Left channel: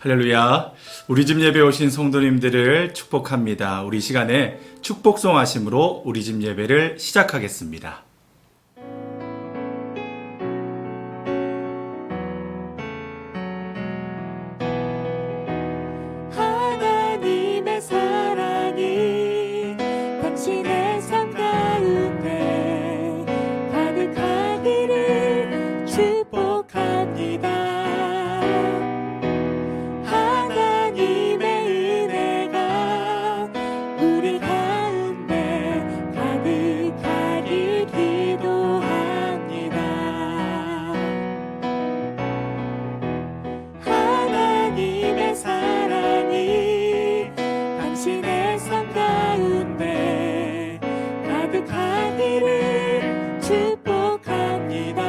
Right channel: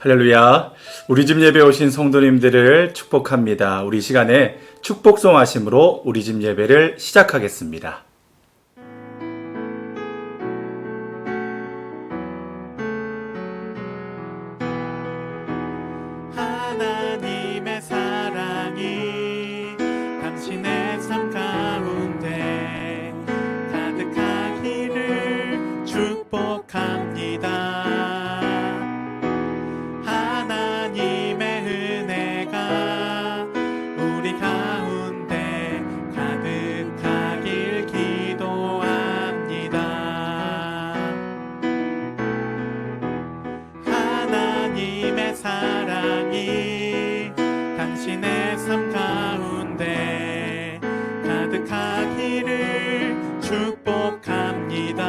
할렐루야. 우리 집 예배 오신 성도님들을 축복합니다. 우리 시간에 축복송 하심으로 우리 집 예배를 시작하겠습니다. 하나님의 사랑이 당신의 삶 가운데 가득하기를 축복합니다. 우리 가운데 가득하길 기도합니다. 하나님의 사랑이 당신의 삶 가운데 가득하기를 축복합니다.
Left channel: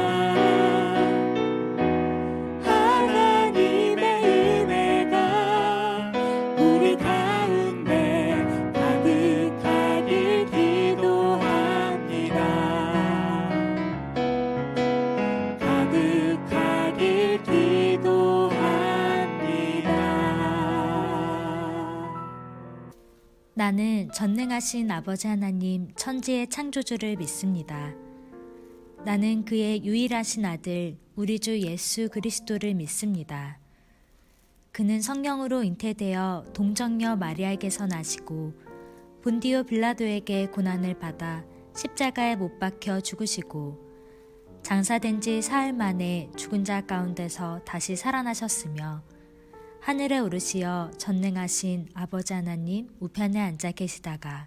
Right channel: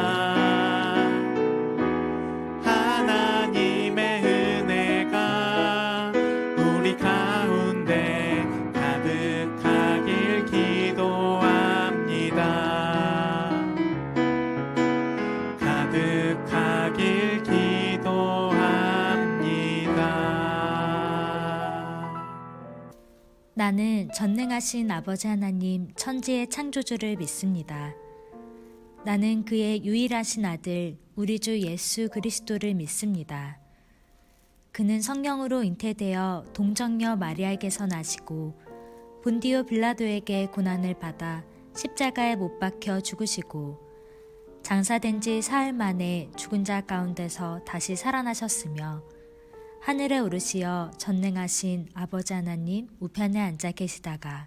하나님의 은혜가 우리 가운데 가득하길 기도합니다. 가득하길 기도합니다. 나는 전능하신 아버지 하나님 천지의 창조주를 믿습니다. 나는 그의 유일하신 아들 우리 주 예수 그리스도를 믿습니다. 그는 성령으로 잉태되어 동정녀 마리아에게서 나시고 본디오 빌라도에게 고난을 받아 십자가에 못 박혀 죽으시고 장사된 지 사흘 만에 죽은 자 가운데서 다시 살아나셨으며 하늘에 오르시어 전능하신 아버지 하나님 우편에 앉아 계시다가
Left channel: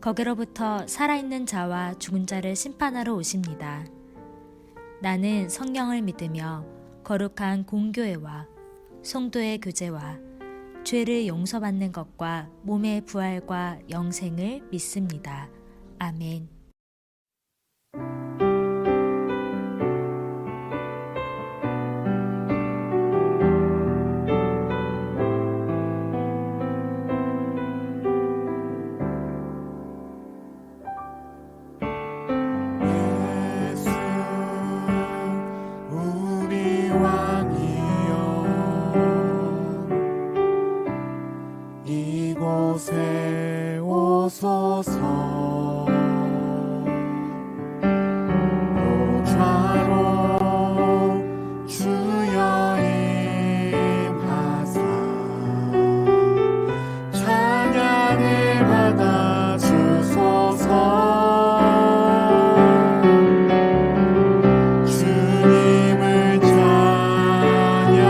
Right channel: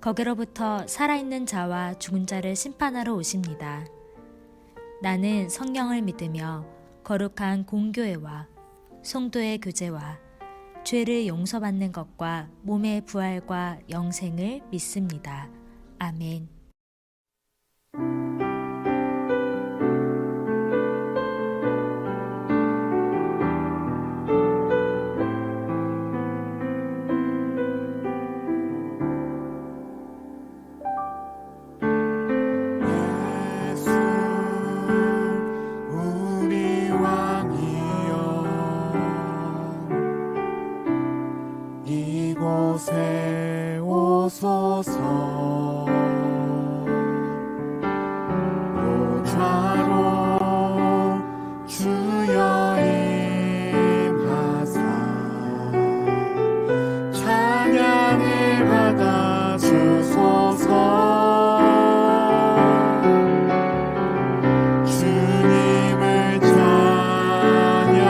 거기로부터 살아있는 자와 죽은 자를 심판하러 오십니다. 나는 성령을 믿으며 거룩한 공교회와 성도의 교제와 죄를 용서받는 것과 몸의 부활과 영생을 믿습니다. 아멘. 예수 우리 왕이여 이곳에 오소서 보좌로 주여 임하사 찬양을 받아 주소서. 주님을 찬양하오니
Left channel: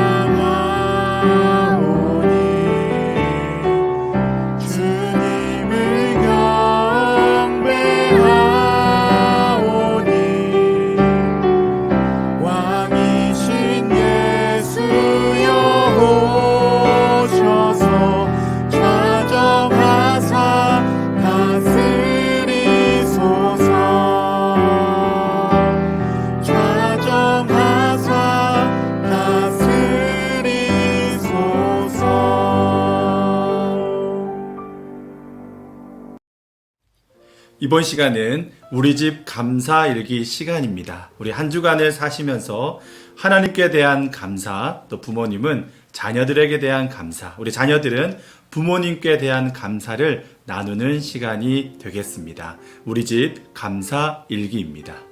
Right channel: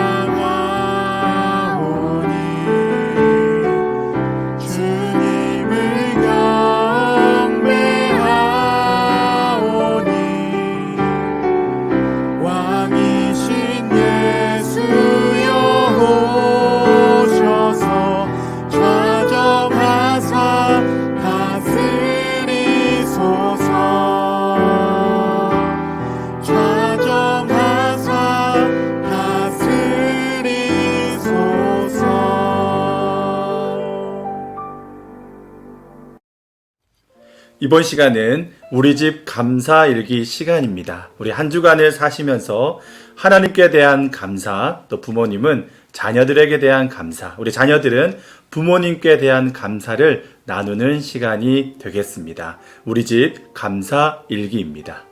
주님을 경배하오니 왕이신 예수여 오셔서 좌정하사 다스리소서. 좌정하사 다스리소서. 이번 시간은 우리 집 감사 일기 시간입니다. 우리 한 주간을 사시면서 하나님께 대한 감사, 또 부모님은 자녀들에게 대한 감사, 우리 자녀들은 부모님께 대한 감사를 나누는 시간이 되겠습니다. 우리 집 감사 일기입니다.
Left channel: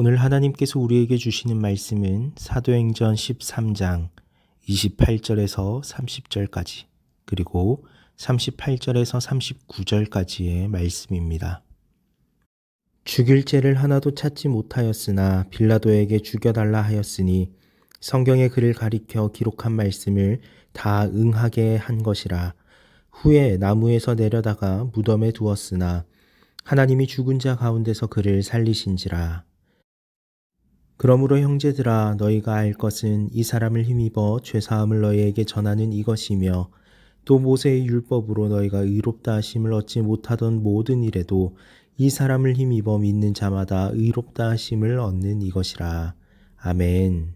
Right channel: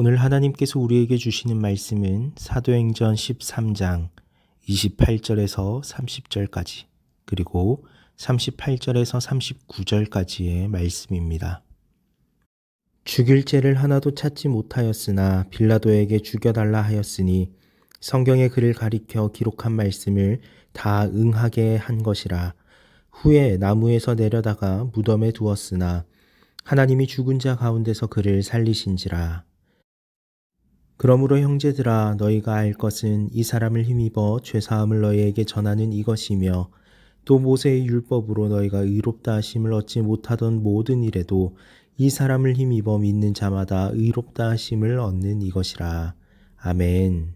오늘 하나님께서 우리에게 주시는 말씀은 사도행전 13장 28절에서 30절까지 그리고 38절에서 39절까지의 말씀입니다. 죽일 죄를 하나도 찾지 못하였으나 빌라도에게 죽여달라 하였으니 성경의 글을 가리켜 기록한 말씀을 다 응하게 한 것이라. 후에 나무에서 내려다가 무덤에 두었으나 하나님이 죽은 자 가운데서 그를 살리신지라. 그러므로 형제들아 너희가 알 것은 이 사람을 힘입어 죄사함을 너희에게 전하는 이것이며 또 모세의 율법으로 너희가 의롭다 하심을 얻지 못하던 모든 일에도 이 사람을 힘입어 믿는 자마다 의롭다 하심을 얻는 이것이라. 아멘.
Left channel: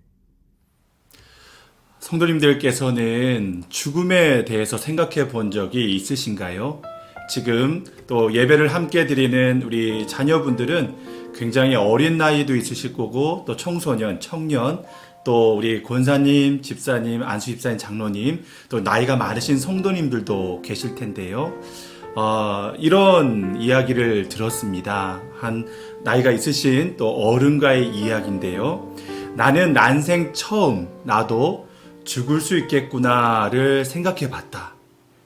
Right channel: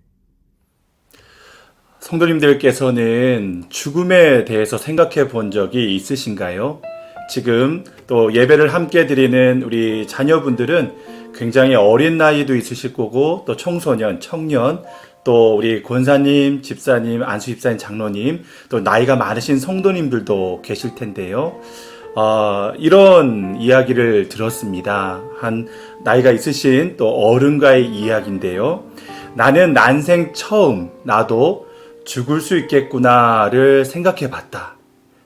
성도님들께서는 죽음에 대해서 생각해 본 적이 있으신가요? 지금 또 예배를 함께 드리는 우리 자녀분들은 굉장히 어린 나이도 있으실 거고 또 청소년, 청년, 또 우리 권사님, 집사님, 안수 집사님, 장로님, 또 나이가 많으신 성도님들도 계실 텐데요. 이런 이야기를 들었습니다. 한 나이가 있으신 또 어른과의 이야기인데요. 나는 난생 처음 나도 죽을 수 있겠구나를 생각해 봤다.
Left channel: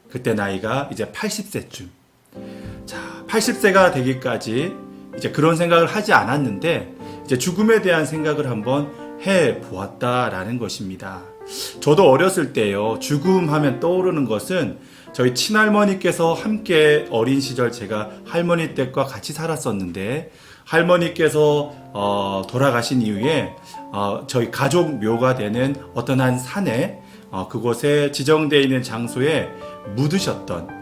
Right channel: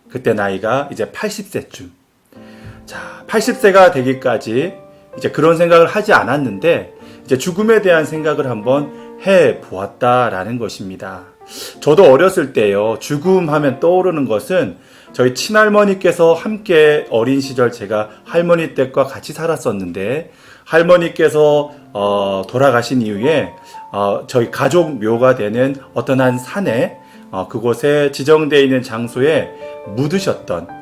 그때 나이가 이제 80세쯤. 자, 80세가 되기까지 이제 그런 생각을 하지 않았는데 이제 죽음에 대한 생각을 한번 해 보았다라는 것입니다. 저도 어렸을 때요, 죽음 하면 떠오르는 것은 저희 친할머니께서 함께 어린 시절 제가 할머니 댁과 같이 살았었는데 할머니께서 돌아가신 이후에 저희 가족 묘가 되는 어떤 한 산에 그곳에 지정되어 있는 장소에 묻으셨던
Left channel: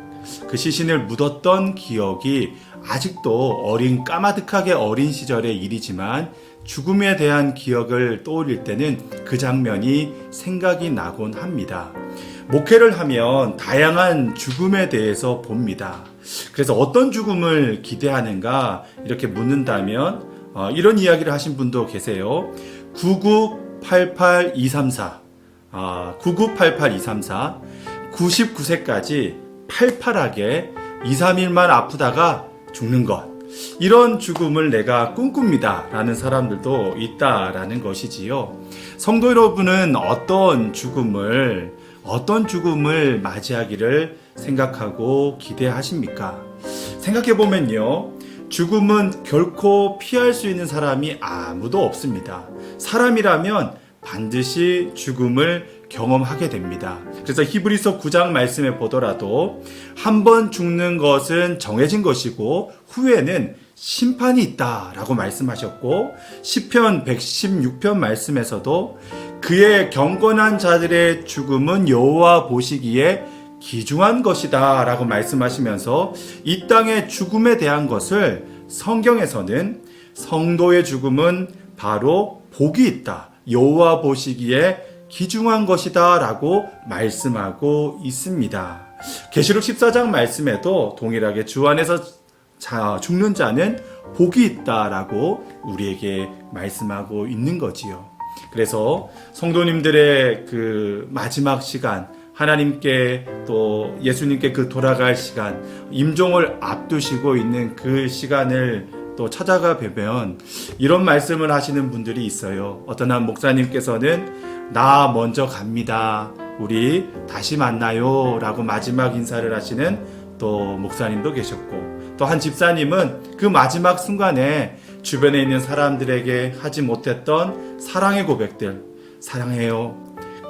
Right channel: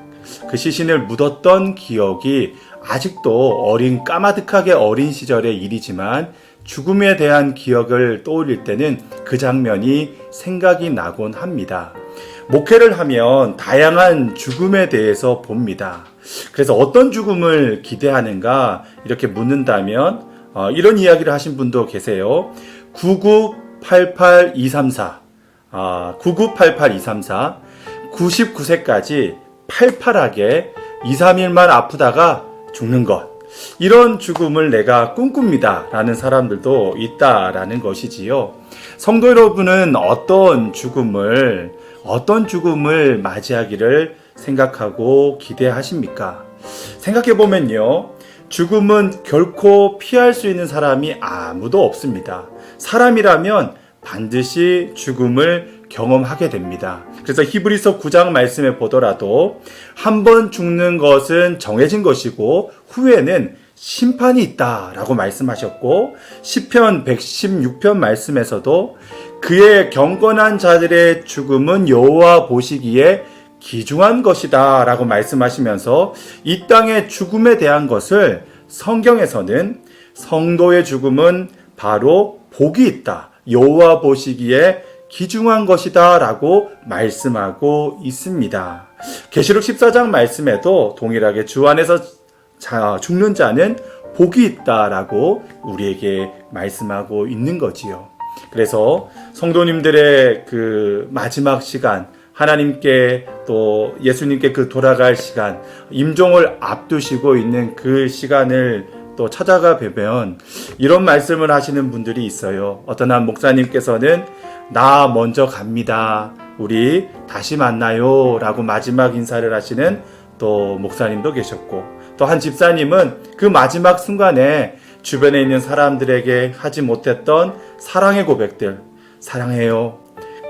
그 시신을 묻었던 기억이 아직도 까마득하게 어린 시절의 일이지만 죽음에 대한 기억을 떠올릴 때는 그 장면이 생각이 나곤 합니다. 목회를 하면 다양한 죽음에 대해서 봅니다. 그래서 어떤 죽음을 기대하는가 이렇게 묻는다면 이런 이야기를 하신 분도 계세요. 9988234 9988234 99세까지 팔팔하게 2, 3일만 아프다가 죽는 것, 이런 죽음을 내가 꿈꿉니다 라는 사람들도 있다라는 것이지요. 성도 여러분은 어떤 죽음을 맞이하기를 생각하고 기대하십니까? 생각해보면요, 죽음은 결코 피할 수 있는 사람이 아무도 없습니다. 사람이라면 반드시 죽음을 경험하게 됩니다. 그래서 히브리서 9장 말씀에 보더라도 한 번 죽는 것은 정해진 것이고 후에는 심판이 있다라고 말씀하셨고, 시편 116편 말씀에서도 그의 경건한 자들의 죽음은 여호와 보시기에 귀중한 것이다 라고 말씀하시면서 이 땅의 죽음에 대한 것을 성경에서는 성도의 죽음은 바로 복이 있다, 여호와 보시기에 귀중한 것이다 라고 말씀하고 있습니다. 계시록 14장 말씀에도 동일하게 주 안에서 죽는 자는 복이 있다라고 우리에게 말씀하고 있는 거지요. 그래서 성도님들의 그 마지막 시간, 하나님께 또 예수님께 그 돌아갈 시간, 임종을 앞두시고 있는 그 시간을 또 찾아가 뵈면 이런 말씀을 하시는 분들이 있어요. 어떤 한 목사님께서는 나 먼저 갑니다, 우리 다시 만나요 라고 마지막 인사를 하시는 또 목사님도 계셨고, 또 한 집사님은 그 마지막 순간에 주변에 있는 사람들에게 하지 못했던 사랑의 고백들, 사랑해요,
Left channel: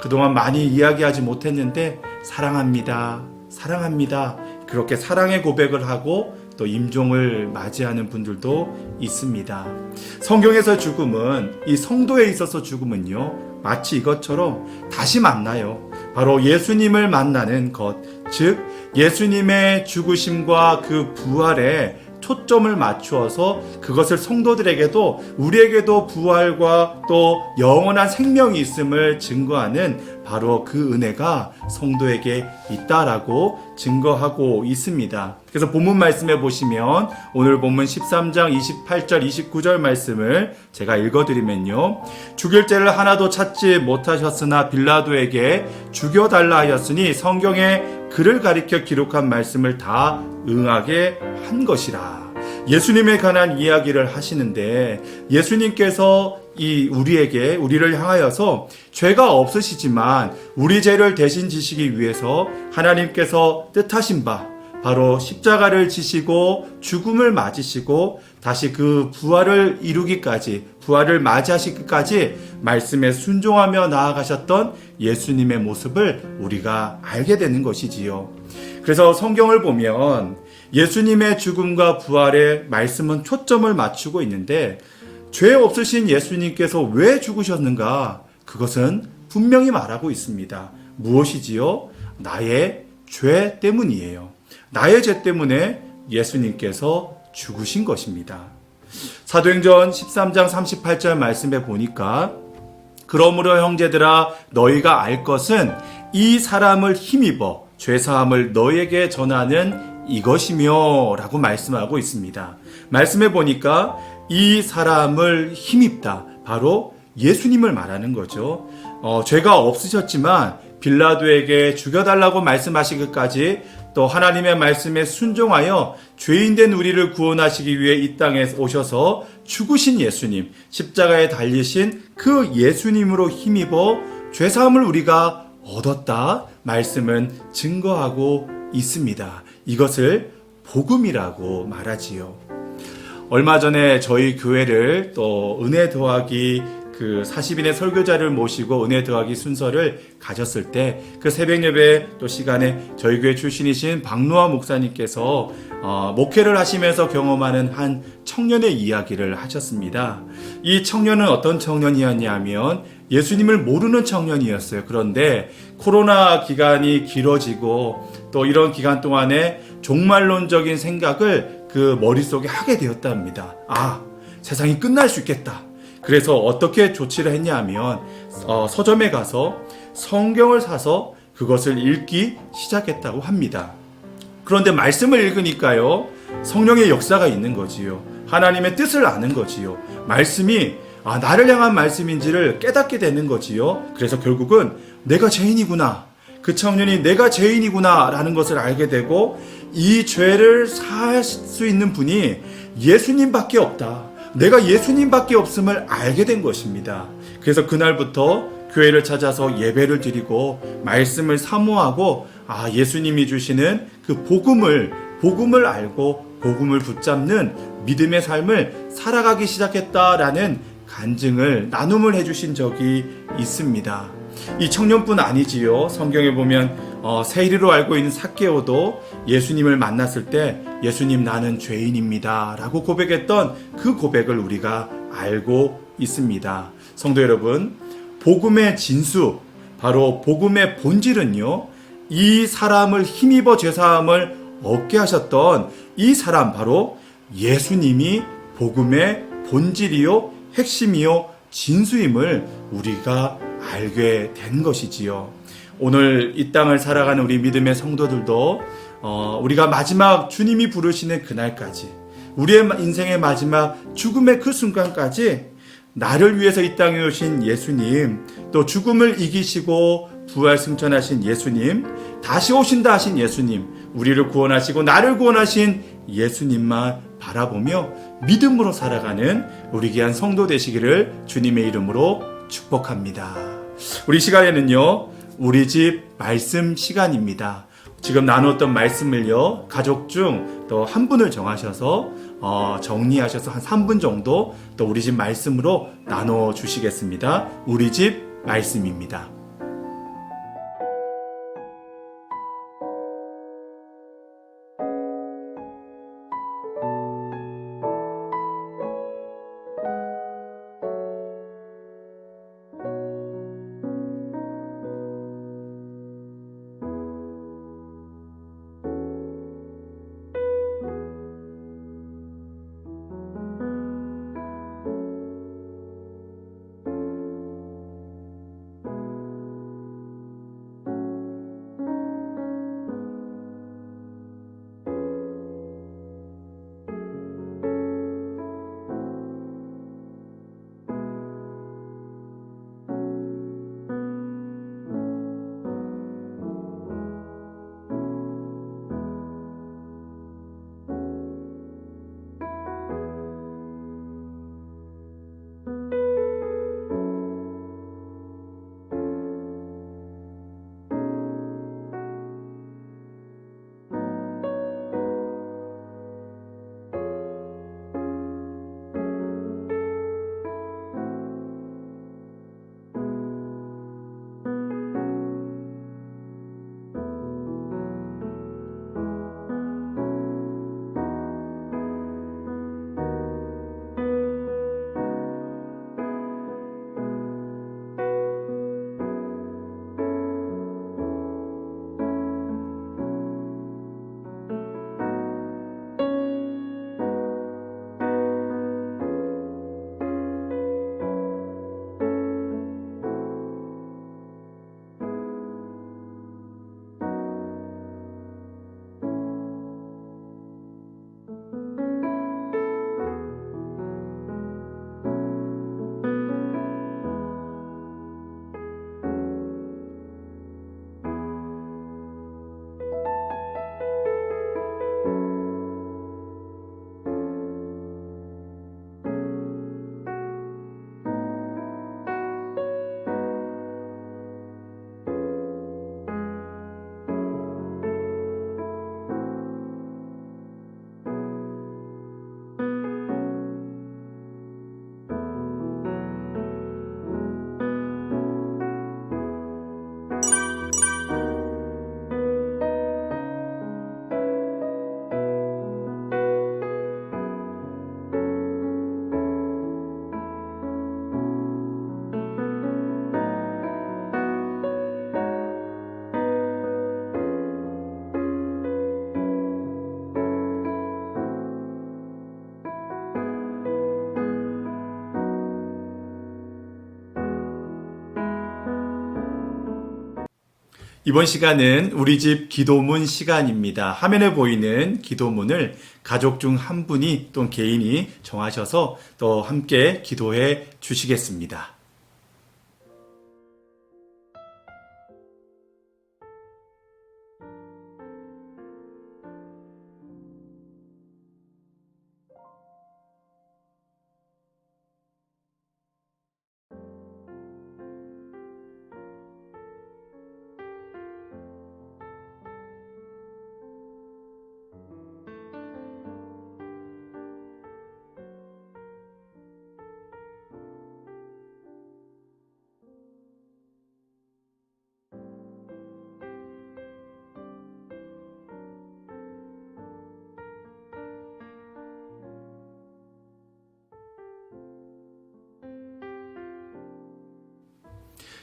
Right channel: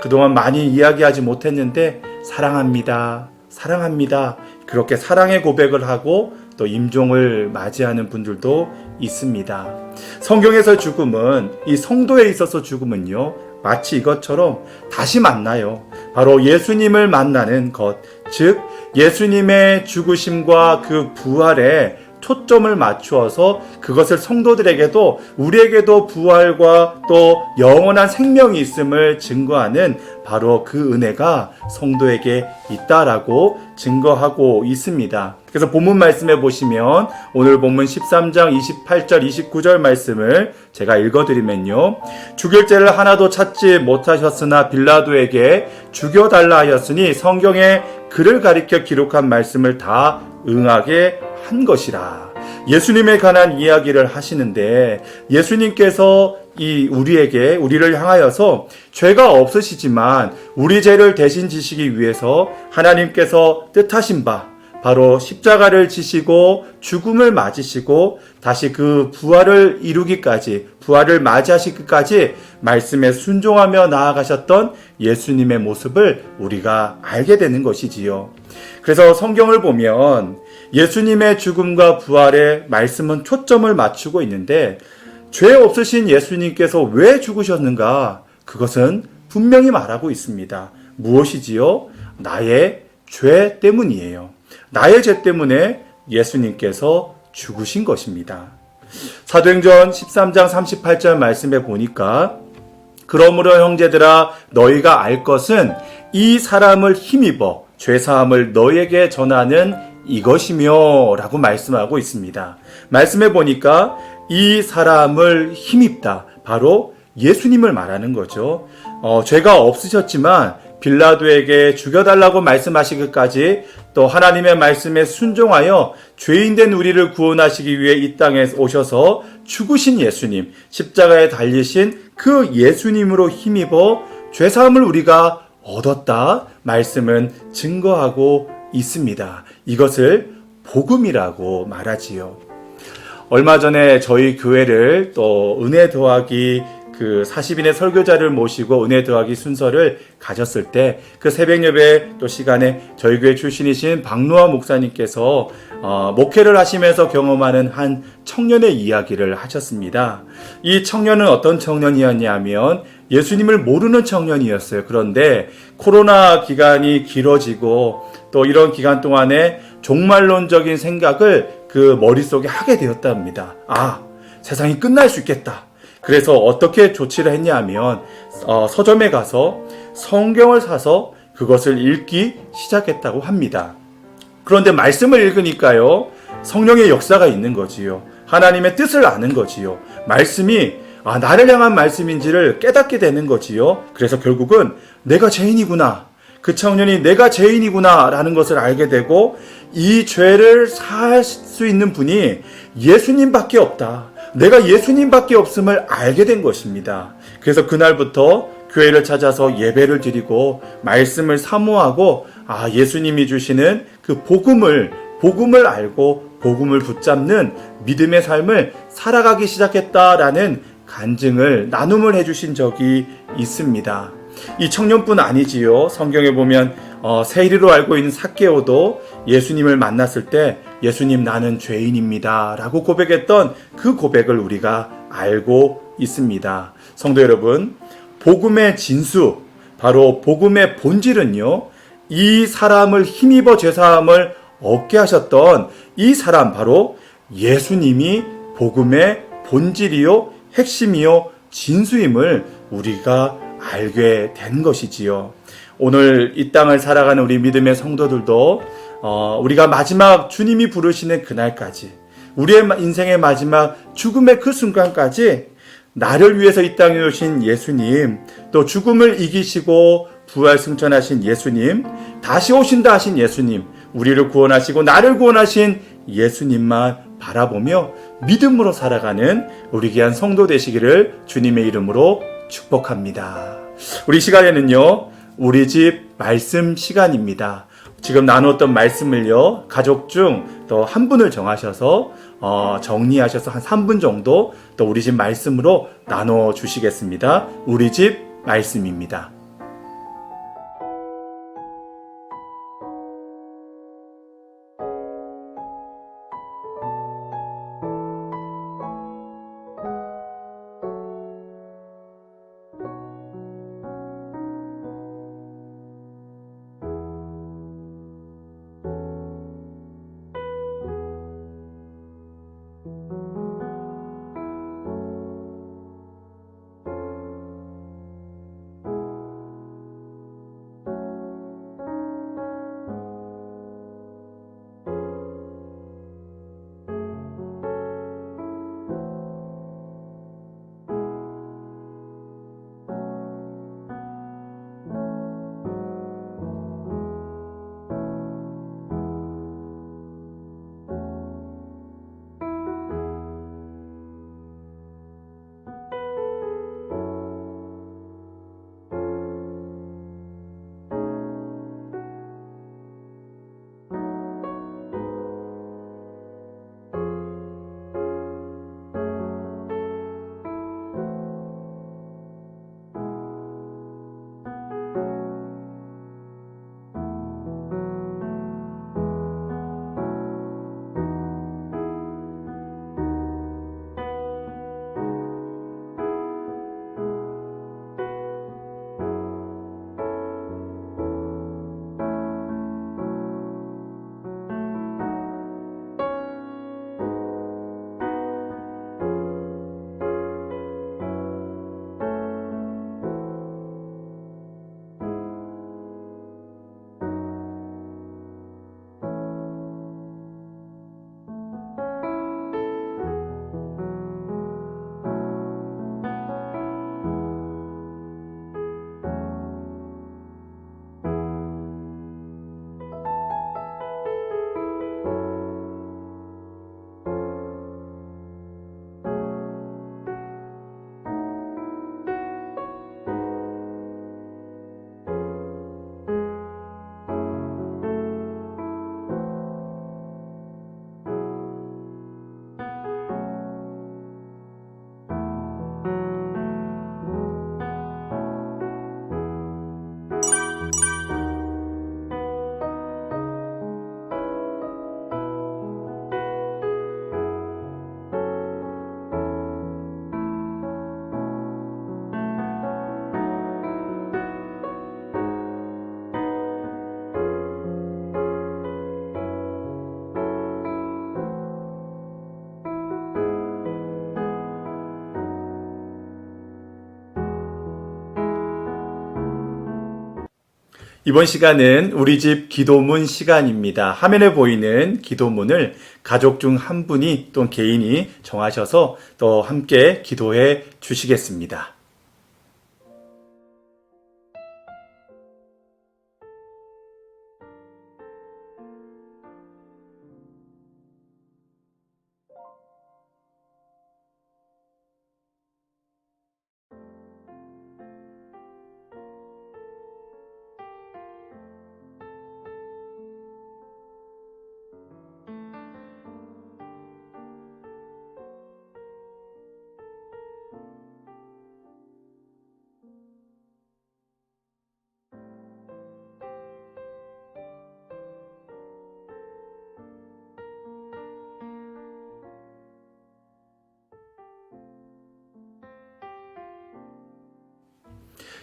그동안 많이 이야기하지 못했는데 사랑합니다, 사랑합니다, 그렇게 사랑의 고백을 하고 또 임종을 맞이하는 분들도 있습니다. 성경에서 죽음은, 이 성도에 있어서 죽음은요, 마치 이것처럼 다시 만나요. 바로 예수님을 만나는 것, 즉 예수님의 죽으심과 그 부활에 초점을 맞추어서 그것을 성도들에게도 우리에게도 부활과 또 영원한 생명이 있음을 증거하는 바로 그 은혜가 성도에게 있다라고 증거하고 있습니다. 그래서 본문 말씀에 보시면 오늘 본문 13장 28절 29절 말씀을 제가 읽어드리면요, 죽일 죄를 하나도 찾지 못하셨으나 빌라도에게 죽여달라 하였으니 성경에 그를 가리켜 기록한 말씀을 다 응하게 한 것이라. 예수님에 관한 이야기를 하시는데 예수님께서 우리를 향하여서 죄가 없으시지만 우리 죄를 대신 지시기 위해서 하나님께서 뜻하신 바 바로 십자가를 지시고 죽음을 맞으시고 다시 그 부활을 이루기까지 부활을 맞이하시기까지 말씀에 순종하며 나아가셨던 예수님의 모습을 우리가 알게 되는 것이지요. 그래서 성경을 보면 예수님의 죽음과 부활에 말씀은 초점을 맞추고 있는데 죄 없으신 예수님께서 왜 죽으셨는가? 그것은 분명히 말하고 있습니다. 무엇이지요? 나의 죄 때문이에요. 나의 죄 때문에 예수님께서 죽으신 것입니다. 사도행전 13장 38절 말씀에 보니까 그러므로 형제들아 너희가 알 것은 이 사람을 힘입어 죄사함을 너희에게 전하는 이것이며 라고 말씀하고 있습니다. 말씀해 보니까 이 사람을 힘입다. 바로 예수님을 말하는 거죠. 죄가 없으셨지만 빌라도에게 죽여달라고 말씀하시기까지 또 하나님의 말씀에 순종하여 죄인된 우리를 구원하시기 위해 이 땅에 오셔서 죽으신 예수님, 십자가에 달리신 그 예수님으로 힘입어 죄사함을 우리가 얻었다 말씀은 증거하고 있습니다. 이것을 복음이라고 말하지요. 얼마 전에 저희 교회를 또 은혜 더하기 40인의 설교자를 모시고 은혜 더하기 순서를 가졌을 때 그 새벽 예배 또 시간에 저희 교회 출신이신 박노아 목사님께서 목회를 하시면서 경험하는 한 청년의 이야기를 하셨습니다. 이 청년은 어떤 청년이었냐면 예수님을 모르는 청년이었어요. 그런데 코로나 기간이 길어지고 또 이런 기간 동안에 종말론적인 생각을 그 머릿속에 하게 되었답니다. 세상이 끝날 수 있겠다. 그래서 어떻게 조치를 했냐면 서점에 가서 성경을 사서 그것을 읽기 시작했다고 합니다. 그런데 말씀을 읽으니까요. 성령의 역사가 있는 거지요. 하나님의 뜻을 아는 거지요. 말씀이 나를 향한 말씀인지를 깨닫게 되는 거지요. 그래서 결국은 내가 죄인이구나. 그 청년이 내가 죄인이구나 라는 것을 알게 되고 이 죄를 살 수 있는 분이 예수님밖에 없다. 내가 예수님밖에 없음을 알게 된 것입니다. 그래서 그날부터 교회를 찾아서 예배를 드리고 말씀을 사모하고 예수님이 주시는 그 복음을 알고 복음을 붙잡는 믿음의 삶을 살아가기 시작했다라는 간증을 나눔을 해주신 적이 있습니다. 이 청년뿐 아니지요. 성경에 보면 세리로 알고 있는 삭개오도 예수님을 만났을 때 예수님 나는 죄인입니다 라고 고백했던 그 고백을 우리가 알고 있습니다. 성도 여러분, 복음의 진수, 바로 복음의 본질은요, 이 사람을 힘입어 죄사함을 얻게 하셨던 이 사람 바로 예수님이 복음의 본질이요 핵심이요 진수임을 우리가 알게 된 것이지요. 오늘 이 땅을 살아가는 우리 믿음의 성도들도 우리가 마지막 주님이 부르시는 그날까지, 우리의 인생의 마지막 죽음의 그 순간까지 나를 위해서 이 땅에 오신 예수님, 또 죽음을 이기시고 부활 승천하신 예수님, 다시 오신다 하신 예수님, 우리를 구원하시고 나를 구원하신 예수님만 바라보며 믿음으로 살아가는 우리 귀한 성도 되시기를 주님의 이름으로 축복합니다. 우리 시간에는요, 우리 집 말씀 시간입니다. 지금 나누었던 말씀을요, 가족 중 또 한 분을 정하셔서 정리하셔서 한 3분 정도 또 우리 집 말씀으로 나눠 주시겠습니다. 우리 집 말씀입니다. 이번 시간은 우리 집 기도문 시간입니다. 화면에 보이는 기도문을 가족 중 한 분이 또는 개인이 정하셔서 또 함께 기도해 주시겠습니다.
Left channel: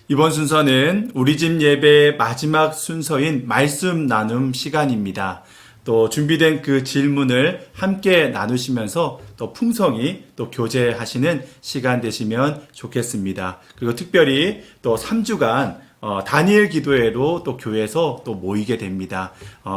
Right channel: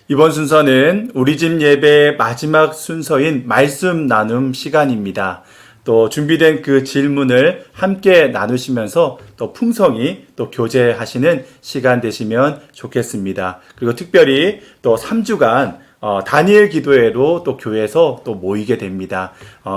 이번 순서는 우리 집 예배 마지막 순서인 말씀 나눔 시간입니다. 또 준비된 그 질문을 함께 나누시면서 또 풍성히 또 교제하시는 시간 되시면 좋겠습니다. 그리고 특별히 또 3주간 다니엘 기도회로 또 교회에서 또 모이게 됩니다.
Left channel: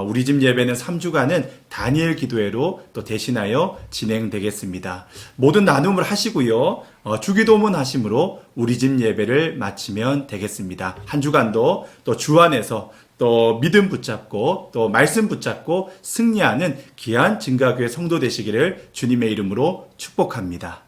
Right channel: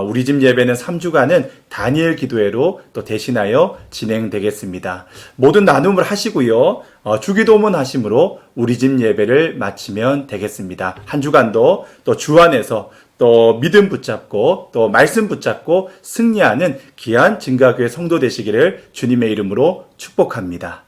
우리 집 예배는 3주간은 다니엘 기도회로 또 대신하여 진행되겠습니다. 모든 나눔을 하시고요. 주기도문 하심으로 우리 집 예배를 마치면 되겠습니다. 한 주간도 또 주 안에서 또 믿음 붙잡고 또 말씀 붙잡고 승리하는 귀한 증가교회 성도 되시기를 주님의 이름으로 축복합니다.